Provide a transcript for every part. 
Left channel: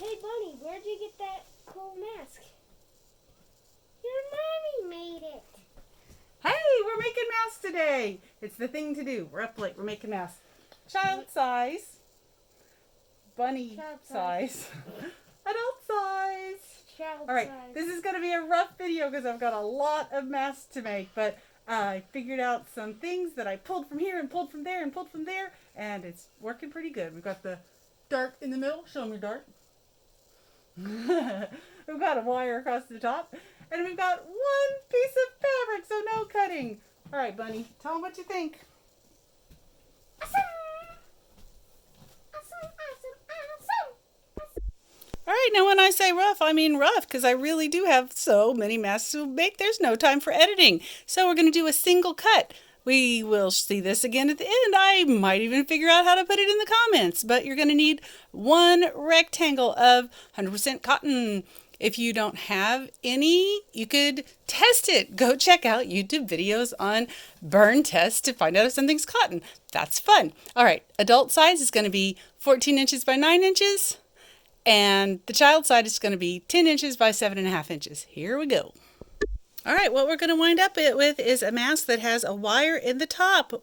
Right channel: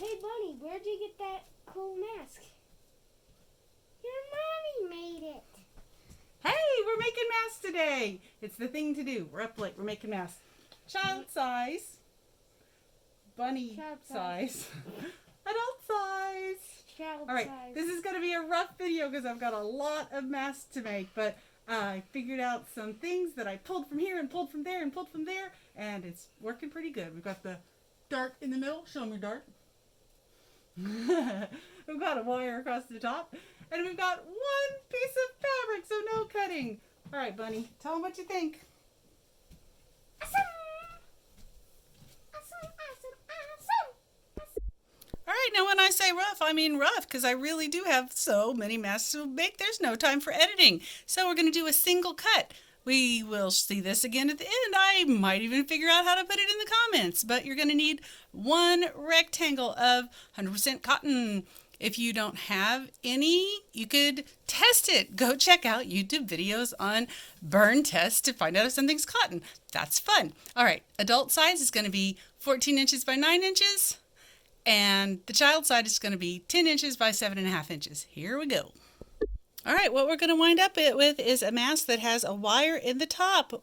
Hey, Bunny, where'd you get that cool mask? Your mommy made it. Hey, we're making masks today. It's the thing to do. We're up late. We're making masks. Child size, bunny Child size, adult size. Child All right, size. this is going to be a rough video because I've got a lot of masks to make, but I figured out some things that I pulled from here and pulled from there and pulled from there, and it's working pretty good. We've got the dart in the middle. Show me your dart. We've got a wire across the top, and we've got one piece of fabric, so no cutting. All right, Bunny, tell them what you think. Awesome. Awesome, awesome, awesome. All right, now when I say rough, I mean rough because I really do have so many masks to make. There's no time for editing. So we're going to do a single cut. We will see this again at the end. I might even figure out how to put it in the comments, but you're going to need one rectangle of 100% cotton. If you don't have any, you could test it. Go check out YouTube videos on burn tests to find out if something's cotton. That's fun. All right, adult size is going to be 14 inches by 9 inches. And the child side is going to be 10 inches by 7.5 inches. Here we go. All right, what we're going to wind up with is a mask that has a wire in the top. What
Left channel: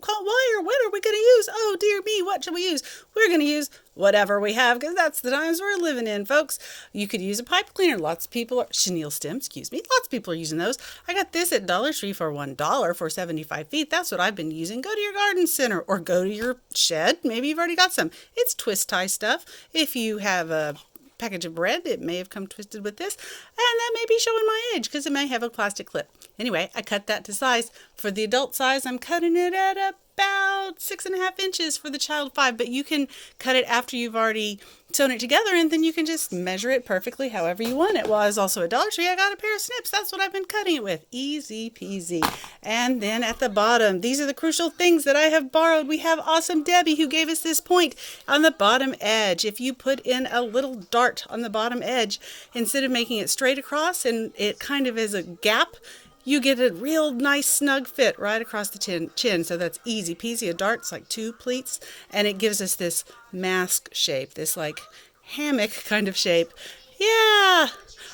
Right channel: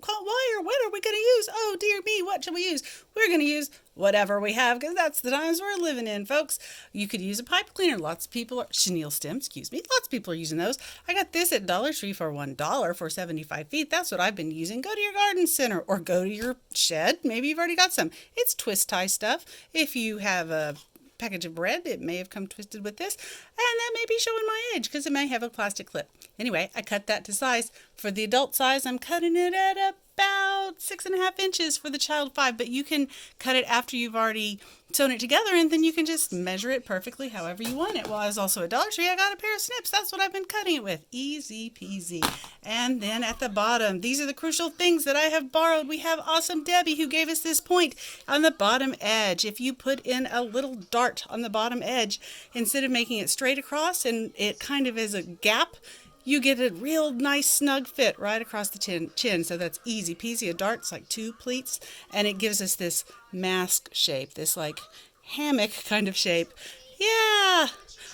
wire? What are we going to use? Oh, dear me, what should we use? We're going to use whatever we have because that's the times we're living in, folks. You could use a pipe cleaner. Lots of people are, chenille stem, excuse me. Lots of people are using those. I got this at Dollar Tree for $1 for 75 feet. That's what I've been using. Go to your garden center or go to your shed. Maybe you've already got some. It's twist tie stuff. If you have a package of bread, it may have come twisted with this, and that may be showing my age because it may have a plastic clip. Anyway, I cut that to size. For the adult size, I'm cutting it at about 6.5 inches. For the child 5, but you can cut it after you've already sewn it together, and then you can just measure it perfectly however you want it. Well, I was also at Dollar Tree. I got a pair of snips. That's what I've been cutting it with. Easy peasy. And then at the bottom, these are the crucial things that I have borrowed. We have Awesome Debbie who gave us this point on the bottom edge. If you put in a little dart on the bottom edge, instead of making it straight across and it kind of is a gap, you get a real nice snug fit right across the chin. So that's easy peasy. A dart's like 2 pleats, and it gives us this mask shape, this like hammock kind of shape. Yeah.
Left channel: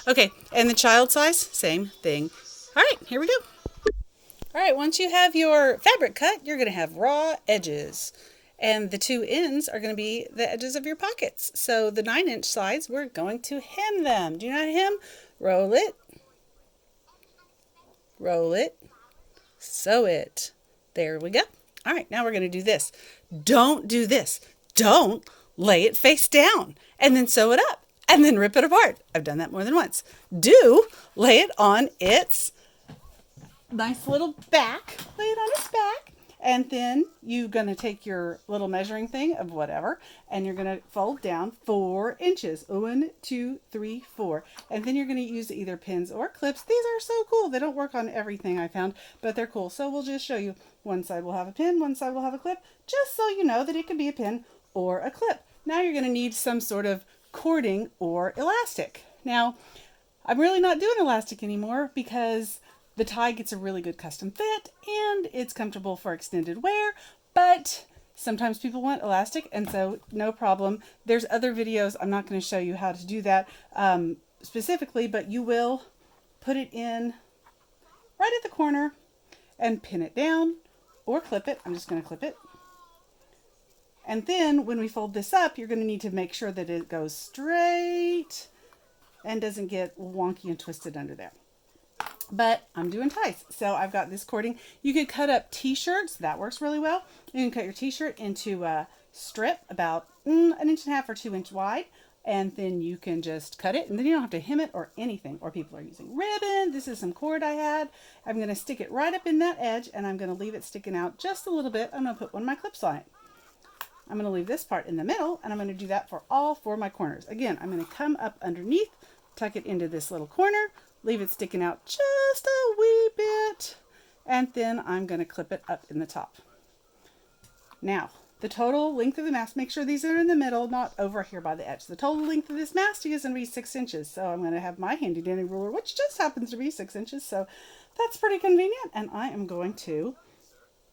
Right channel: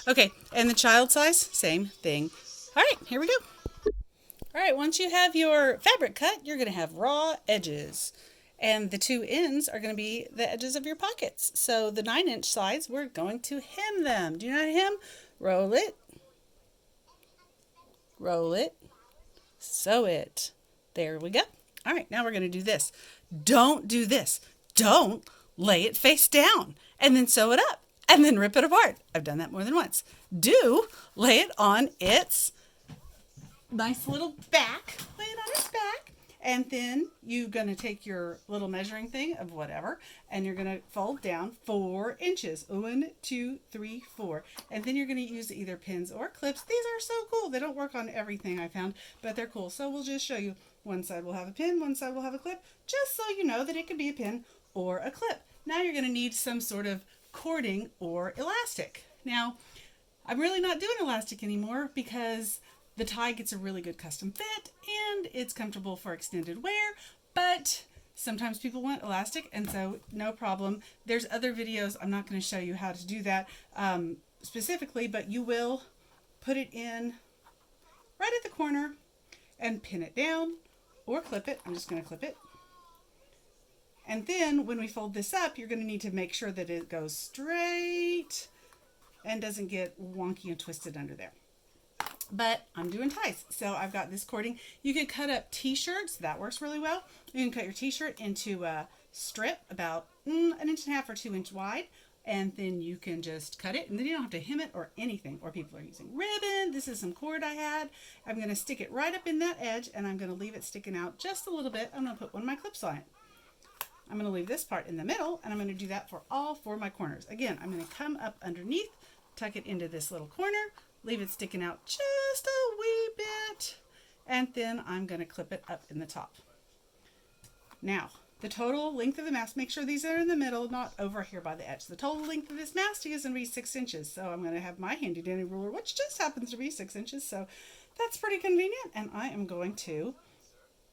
Okay, and the child size, same thing. All right, here we go. All right, once you have your fabric cut, you're going to have raw edges. And the 2 ends are going to be the edges of your pockets. So the 9-inch sides, we're going to hem them. Do you know how to hem? Roll it. Roll it. Sew it. There we go. All right, now we're going to do this. Don't do this. Don't lay it face down and then sew it up and then rip it apart. I've done that more than once. Do lay it on its nice little back. Lay it on its back. And then you're going to take your little measuring thing of whatever, and you're going to fold down 4 inches. 1, 2, 3, 4. And then you're going to use either pins or clips. These are so cool. They don't work on everything I found, but they're cool. So we'll just show you. One side will have a pin, one side will have a clip, just so you know that it can be a pin or a clip. Now you're going to need some sort of cording or elastic. Now, I'm really not doing elastic anymore because the tie gets a really good custom fit and it's comfortable for extended wear, but sometimes people want elastic, and so no problem. There's other videos. I'm not going to show you how to do that specifically, but you will put it in right at the corner and pin it down or clip it. I'm just going to clip it. And then when we fold this up, you're going to need to make sure that it goes straight and doesn't get wonky and twisted under there. But I'm doing ties, so I've got this cording. You could cut up t-shirts. That works really well. You can cut your t-shirt into a strip about 1.5 inches or 2 inch wide, and then you can just cut it, and then you don't have to hem it or anything. Or people are using ribbon. This is some cord I had. I'm going to stick it right up in that edge, and I'm going to leave it sticking out just a little bit. I'm going to put one of my clips on it. I'm going to leave this part in the middle, and I'm going to do that for all 4 of my corners. Again, I'm going to come up underneath, tuck it into this little corner, leave it sticking out just a wee bit, and then I'm going to clip it up in the top. Now, the total length of the mask, make sure these are in the middle, not over here by the edge. The total length of this mask is going to be 6 inches, so I'm going to have my handy dandy ruler, which just happens to be 6 inches, so that's pretty convenient, and I am going to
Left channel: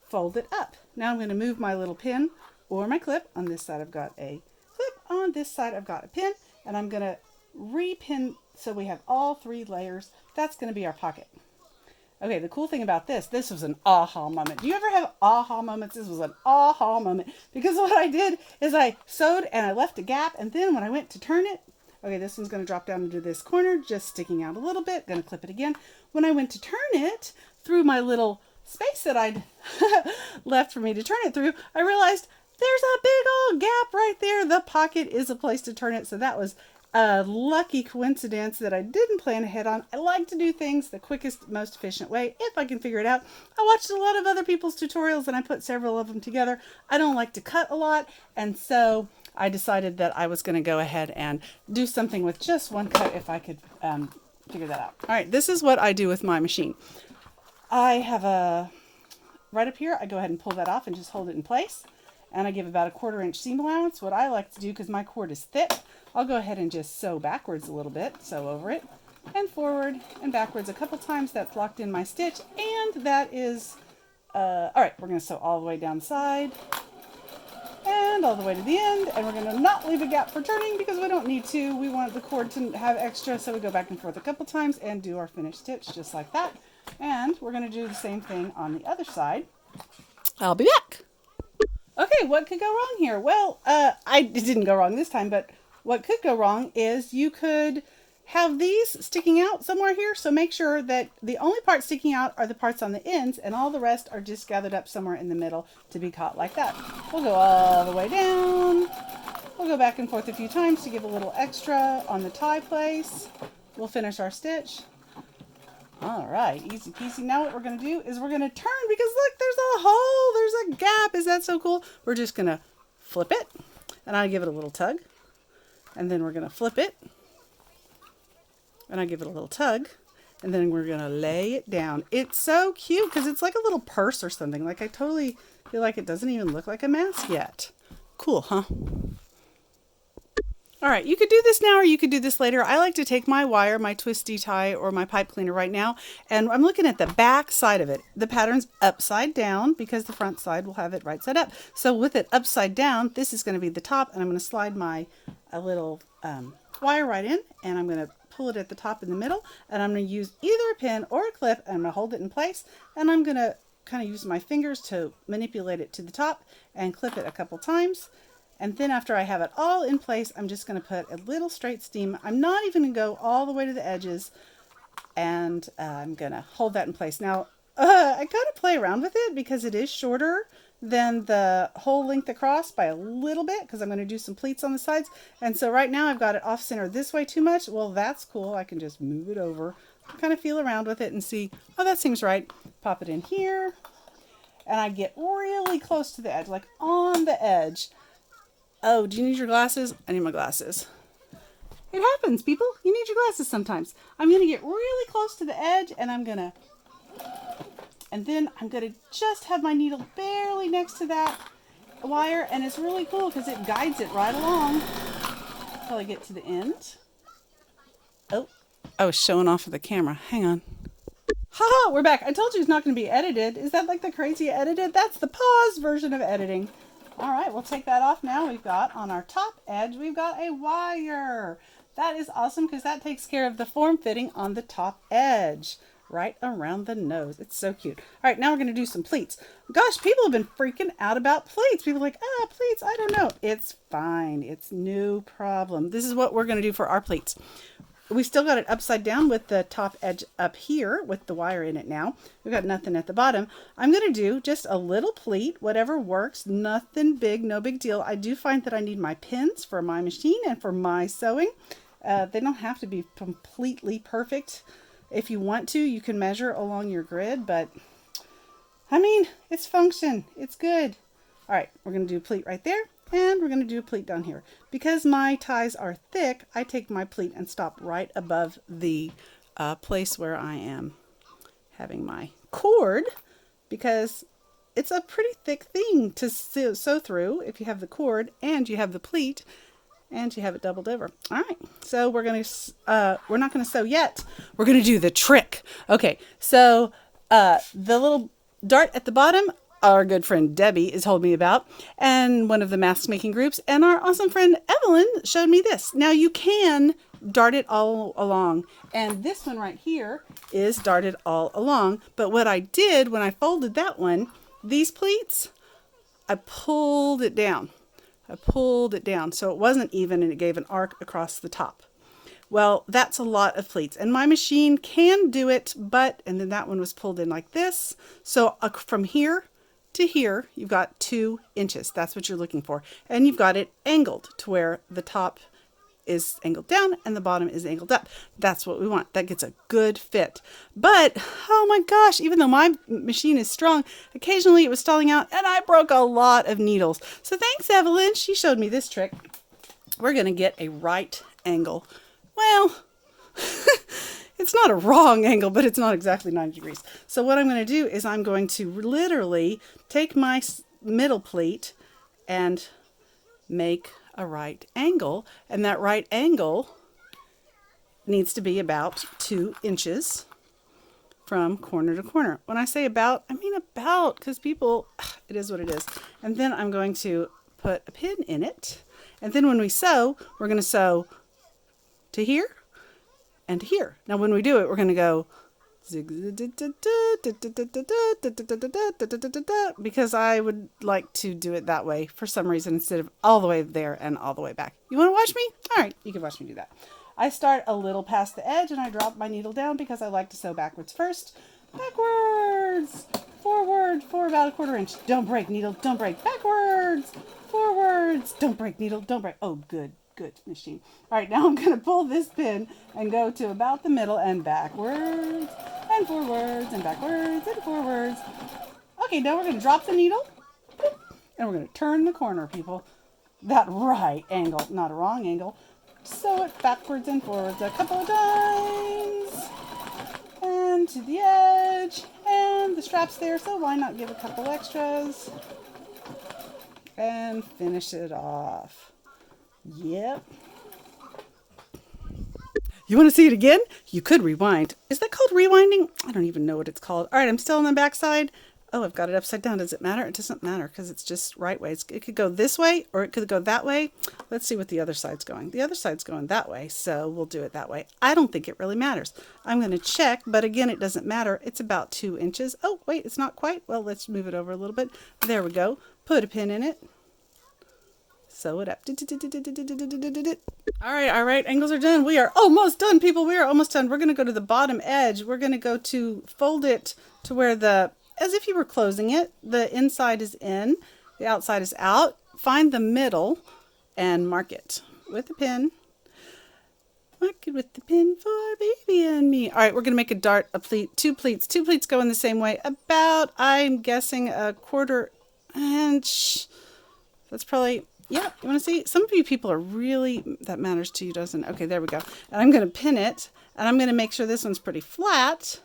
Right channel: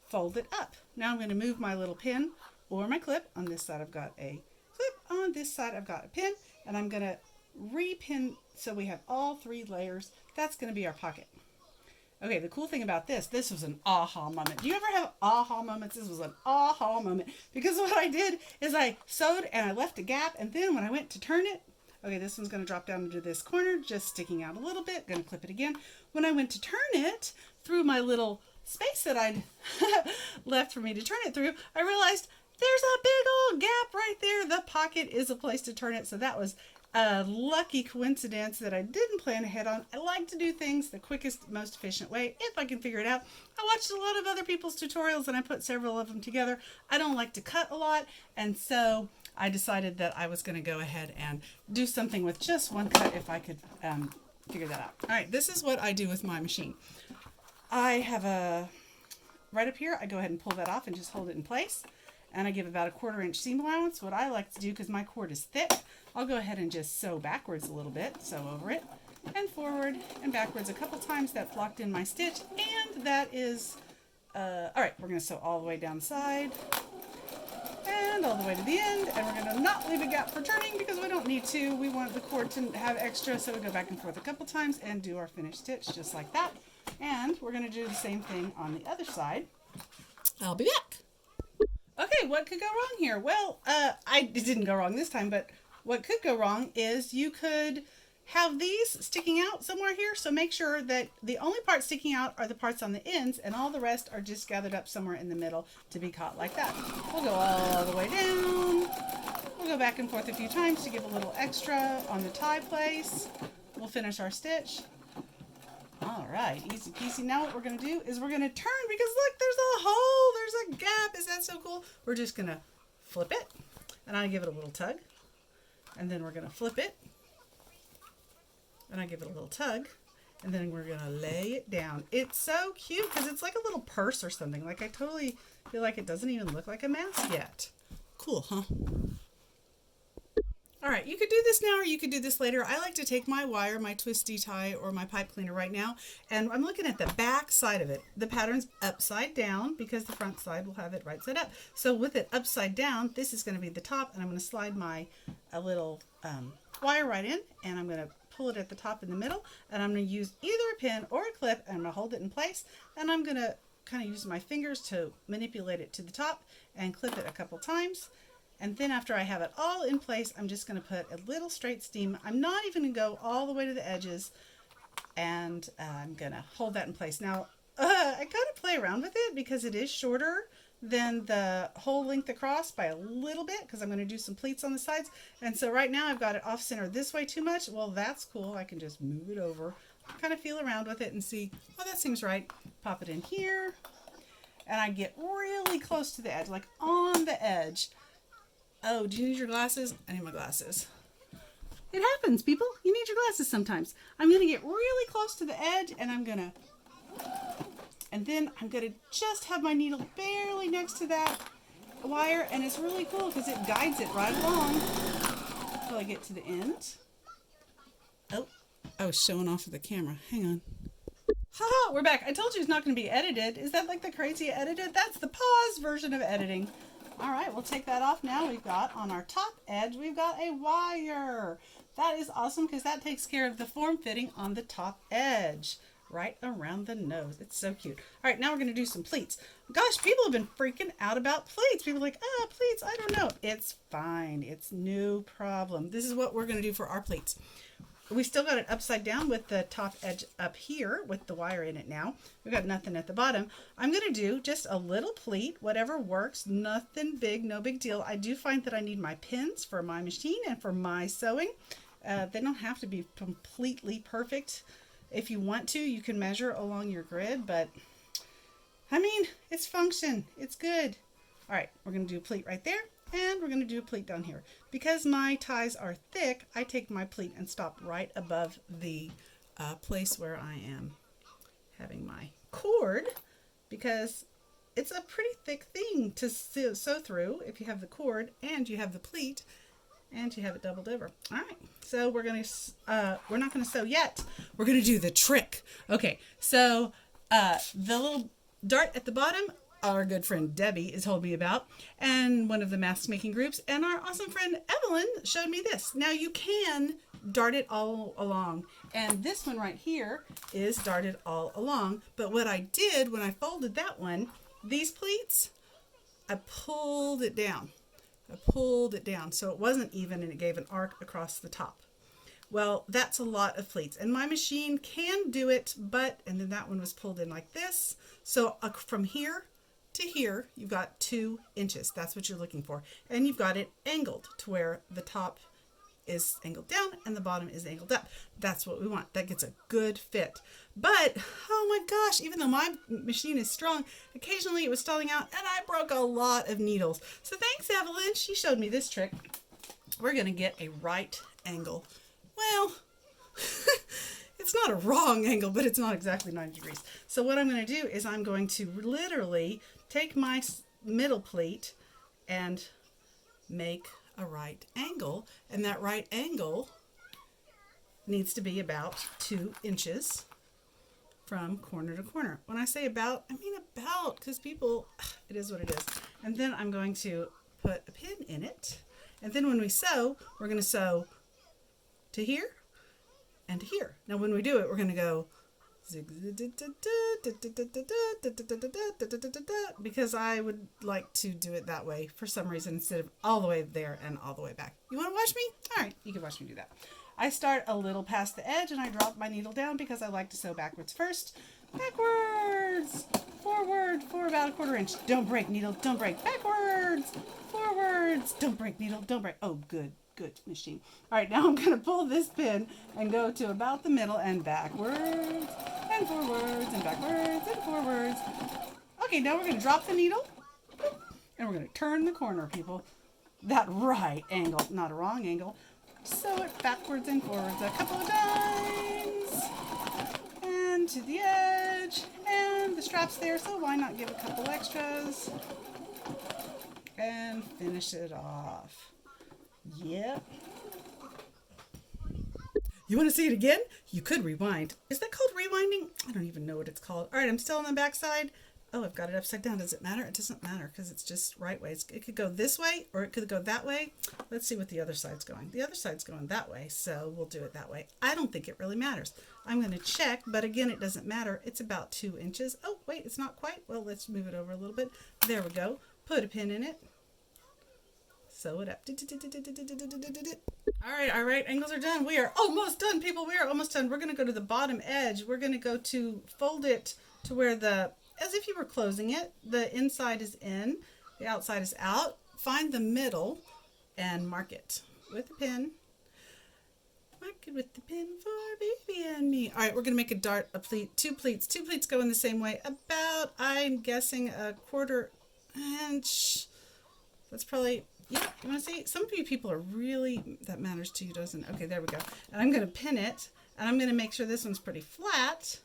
fold it up. Now I'm going to move my little pin or my clip. On this side I've got a clip, on this side I've got a pin, and I'm going to repin so we have all 3 layers. That's going to be our pocket. Okay, the cool thing about this was an aha moment. Do you ever have aha moments? This was an aha moment because what I did is I sewed and I left a gap, and then when I went to turn it, okay, this one's going to drop down into this corner, just sticking out a little bit. Going to clip it again. When I went to turn it through my little space that I'd left for me to turn it through, I realized there's a big old gap right there. The pocket is a place to turn it. So that was a lucky coincidence that I didn't plan ahead on. I like to do things the quickest, most efficient way if I can figure it out. I watched a lot of other people's tutorials and I put several of them together. I don't like to cut a lot, and so I decided that I was going to go ahead and do something with just one cut if I could figure that out. All right, this is what I do with my machine. I have a, right up here, I go ahead and pull that off and just hold it in place. And I give about a 1/4 inch seam allowance. What I like to do, because my cord is thick, I'll go ahead and just sew backwards a little bit, sew over it, and forward and backwards a couple times. That's locked in my stitch, and that is, all right, we're going to sew all the way down the side, and all the way to the end, and we're going to not leave a gap for turning because we don't need to. We want the cord to have extra, so we go back and forth a couple times and do our finished stitch just like that. And we're going to do the same thing on the other side. I'll be back. Okay, what could go wrong here? Well, it didn't go wrong this time, but what could go wrong is you could have these sticking out somewhere here. So make sure that the only parts sticking out are the parts on the ends, and all the rest are just gathered up somewhere in the middle to be caught like that. We'll go all the way down. We'll go back and forth a few times to give a little extra on the tie place. We'll finish our stitch. All right, easy peasy. Now what we're going to do is we're going to turn, because look, there's a hole, there's a gap. Is that so cool? We're just going to flip it, and I give it a little tug, and then we're going to flip it, and I give it a little tug, and then we're going to lay it down. It's so cute because it's like a little purse or something. Like, I totally feel like it doesn't even look like a mask yet. Cool, huh? All right, you could do this now or you could do this later. I like to take my wire, my twisty tie, or my pipe cleaner right now, and I'm looking at the back side of it. The pattern's upside down because the front side will have it right side up. So with it upside down, this is going to be the top, and I'm going to slide my little wire right in, and I'm going to pull it at the top in the middle, and I'm going to use either a pin or a clip, and I'm going to hold it in place, and I'm going to kind of use my fingers to manipulate it to the top and clip it a couple times. And then after I have it all in place, I'm just going to put a little straight seam. I'm not even going to go all the way to the edges, and I'm going to hold that in place. Now, I got to play around with it because it is shorter than the whole length across by a little bit, because I'm going to do some pleats on the sides. And so right now I've got it off center this way too much. Well, that's cool. I can just move it over, kind of feel around with it and see, oh, that seems right. Pop it in here, and I get really close to the edge, like on the edge. Oh, do you need your glasses? I need my glasses. It happens, people. You need your glasses sometimes. I'm going to get really close to the edge, and then I'm going to just have my needle barely next to that wire, and it's really cool because it guides it right along until I get to the end. Oh, I was showing off of the camera. Hang on. Haha, we're back. I told you it's not going to be edited. Is that like the crazy edited? That's the pause version of editing. All right, we'll take that off now. We've got on our top edge, we've got a wire. That is awesome because that takes care of the form fitting on the top edge, right around the nose. It's so cute. All right, now we're going to do some pleats. Gosh, people have been freaking out about pleats. People are like, pleats, I don't know. It's fine. It's no problem. This is what we're going to do for our pleats. We still got it upside down with the top edge up here with the wire in it now. We've got nothing at the bottom. I'm going to do just a little pleat, whatever works, nothing big, no big deal. I do find that I need my pins for my machine and for my sewing. They don't have to be completely perfect. If you want to, you can measure along your grid, but I mean, it's function. It's good. All right, we're going to do a pleat right there, and we're going to do a pleat down here. Because my ties are thick, I take my pleat and stop right above the place where I am having my cord, because it's a pretty thick thing to sew through if you have the cord and you have the pleat and you have it doubled over. All right, so we're not going to sew yet. We're going to do the trick. Okay, so the little dart at the bottom, our good friend Debbie has told me about, and one of the mask making groups, and our awesome friend Evelyn showed me this. Now you can dart it all along, and this one right here is darted all along, but what I did when I folded that one, these pleats, I pulled it down. So it wasn't even, and it gave an arc across the top. Well, that's a lot of pleats, and my machine can do it, but, and then that one was pulled in like this. So from here to here, you've got 2 inches. That's what you're looking for. And you've got it angled to where the top is angled down and the bottom is angled up. That's what we want. That gets a good fit. But, oh my gosh, even though my machine is strong, occasionally it was stalling out and I broke a lot of needles. So thanks, Evelyn. She showed me this trick. We're going to get a right angle. Well, it's not a wrong angle, but it's not exactly 90 degrees. So what I'm going to do is I'm going to literally take my middle pleat and make a right angle. And that right angle needs to be about 2 inches from corner to corner. When I say about, I mean about, because people, it is what it is. And then I'm going to put a pin in it. And then when we sew, we're going to sew to here and to here. Now when we do it, we're going to go because I would like to do it that way for some reason instead of all the way there and all the way back. You want to watch me? All right, you can watch me do that. I start a little past the edge and I drop my needle down because I like to sew backwards first. Backwards, forward for about 1/4 inch. Don't break, needle, don't break. Backwards, forwards, don't break, needle, don't break. Oh, good machine. All right, now I'm going to pull this pin and go to about the middle and backwards and forwards and backwards and forwards. Okay, now we're going to drop the needle and we're going to turn the corner, people. That right angle, not a wrong angle. Sew it backwards and forwards a couple of times and to the edge, and the strap's there, so why not give a couple extras and finish it off. Yep. You want to see it again? You could rewind. Is that called rewinding? I don't even know what it's called. All right, I'm still on the back side. Oh, I've got it upside down. Does it matter? It doesn't matter because it's just right ways. It could go this way or it could go that way. Let's see what the other side's going. The other side's going that way, so we'll do it that way. I don't think it really matters. I'm going to check, but again, it doesn't matter. It's about 2 inches. Oh, wait, it's not quite. Well, let's move it over a little bit. There we go. Put a pin in it. Sew it up. All right, angles are done. We are almost done, people. We are almost done. We're going to go to the bottom edge. We're going to go to fold it to where as if you were closing it, the inside is in, the outside is out. Find the middle and mark it with a pin. Mark it with the pin for baby and me. All right, we're going to make a dart, a pleat, 2 pleats. 2 pleats go in the same way. About, I'm guessing, 1/4 inch. That's probably... Yeah, you want to see? Some of you people are really, that matters to you, doesn't it? Okay, there we go. And I'm going to pin it, and I'm going to make sure this one's pretty flat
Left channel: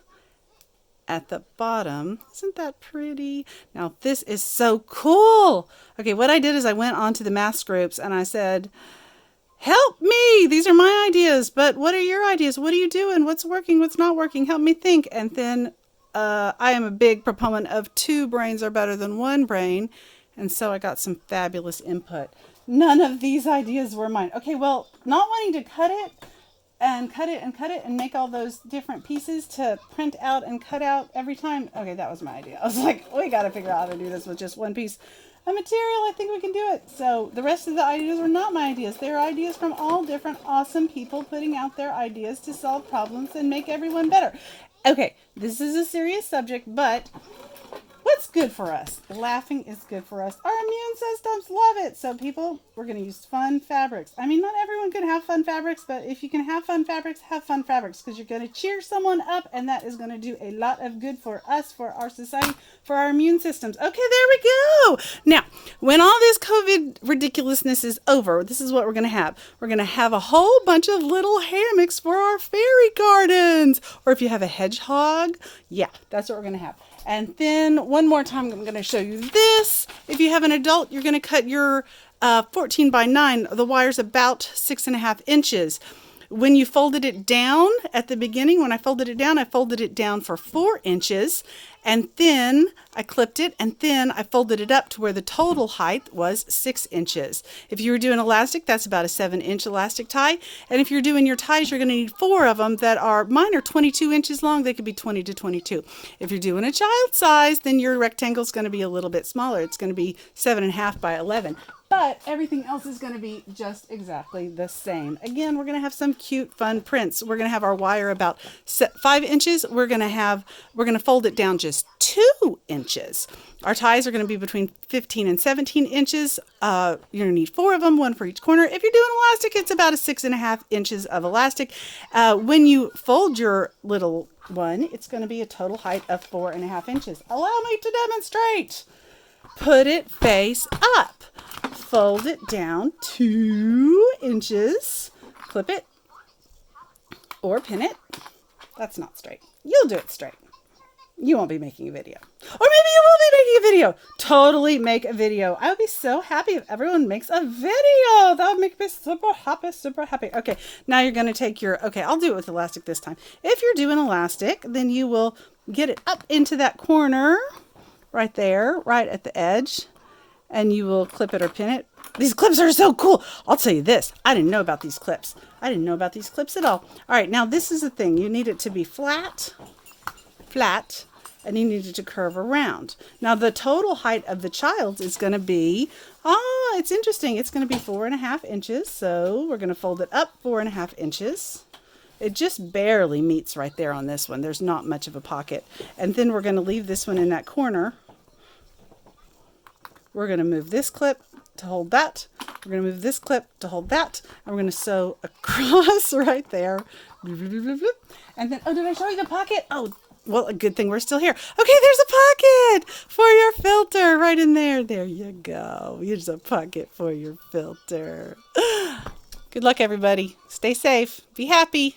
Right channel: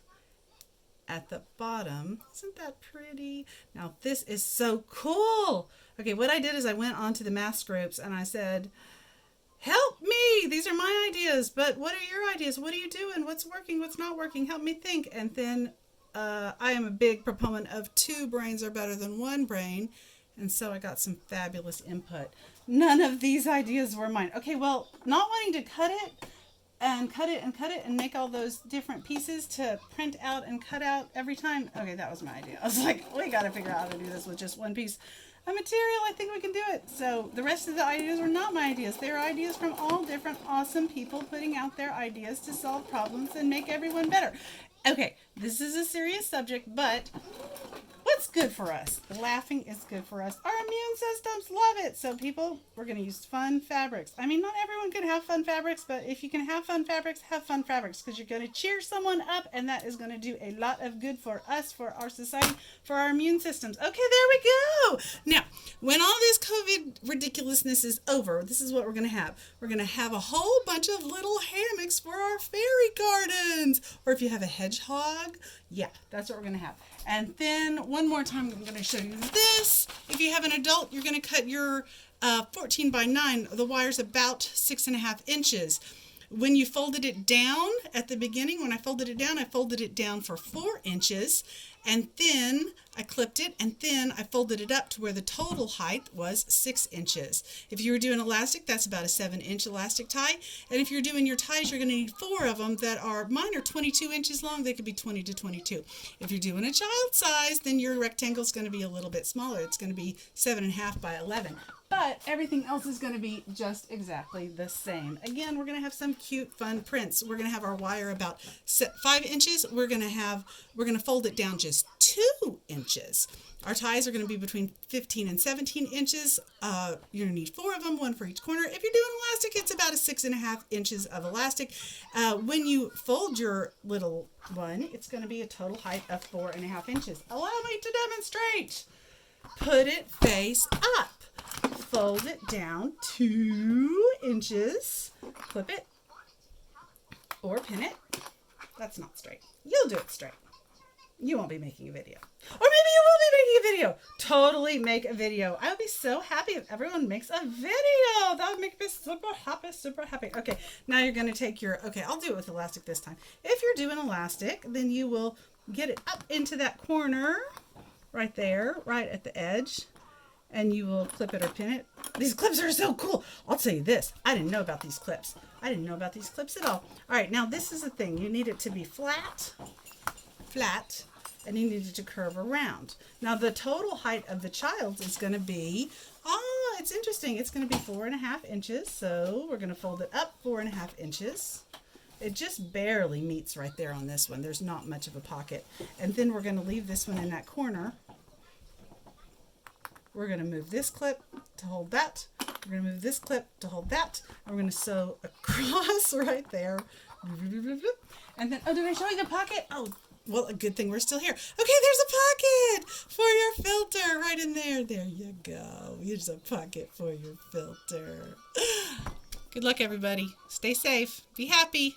at the bottom. Isn't that pretty? Now, this is so cool. Okay, what I did is I went onto the mask groups, and I said, help me. These are my ideas, but what are your ideas? What are you doing? What's working? What's not working? Help me think. And then I am a big proponent of 2 brains are better than 1 brain. And so I got some fabulous input. None of these ideas were mine. Okay, well, not wanting to cut it and make all those different pieces to print out and cut out every time. Okay, that was my idea. I was like, we got to figure out how to do this with just 1 piece of material. I think we can do it. So the rest of the ideas were not my ideas. They were ideas from all different awesome people putting out their ideas to solve problems and make everyone better. Okay, this is a serious subject, but... what's good for us? Laughing is good for us. Our immune systems love it. So people, we're going to use fun fabrics. I mean, not everyone can have fun fabrics, but if you can have fun fabrics because you're going to cheer someone up and that is going to do a lot of good for us, for our society, for our immune systems. Okay, there we go. Now, when all this COVID ridiculousness is over, this is what we're going to have. We're going to have a whole bunch of little hammocks for our fairy gardens. Or if you have a hedgehog, yeah, that's what we're going to have. And then one more time, I'm going to show you this. If you have an adult, you're going to cut your 14 by 9. The wire's about 6.5 inches. When you folded it down at the beginning, when I folded it down for 4 inches, and then I clipped it, and then I folded it up to where the total height was 6 inches. If you were doing elastic, that's about a 7-inch elastic tie. And if you're doing your ties, you're going to need 4 of them that are, mine are 22 inches long. They could be 20 to 22. If you're doing a child size, then your rectangle is going to be a little bit smaller. It's going to be 7.5 by 11. But everything else is going to be just exactly the same. Again, we're going to have some cute, fun prints. We're going to have our wire about 5 inches. We're going to fold it down just 2 inches. Our ties are going to be between 15 and 17 inches. You're going to need 4 of them, 1 for each corner. If you're doing elastic, it's about a 6.5 inches of elastic. When you fold your little one, it's going to be a total height of 4.5 inches. Allow me to demonstrate. Put it face up. Fold it down 2 inches. Clip it or pin it. That's not straight. You'll do it straight. You won't be making a video. Or maybe you will be making a video. Totally make a video. I would be so happy if everyone makes a video. That would make me super happy, super happy. Okay, now you're going to take your, okay, I'll do it with elastic this time. If you're doing elastic, then you will get it up into that corner right there, right at the edge. And you will clip it or pin it. These clips are so cool. I'll tell you this. I didn't know about these clips. I didn't know about these clips at all. All right, now this is the thing. You need it to be flat, and you need it to curve around. Now the total height of the child is going to be, it's interesting. It's going to be 4.5 inches. So we're going to fold it up 4.5 inches. It just barely meets right there on this one. There's not much of a pocket. And then we're going to leave this one in that corner. We're going to move this clip to hold that. We're going to move this clip to hold that. And we're going to sew across right there. And then, did I show you the pocket? Oh, well, a good thing we're still here. Okay, there's a pocket for your filter right in there. There you go. Here's a pocket for your filter. Good luck, everybody. Stay safe. Be happy.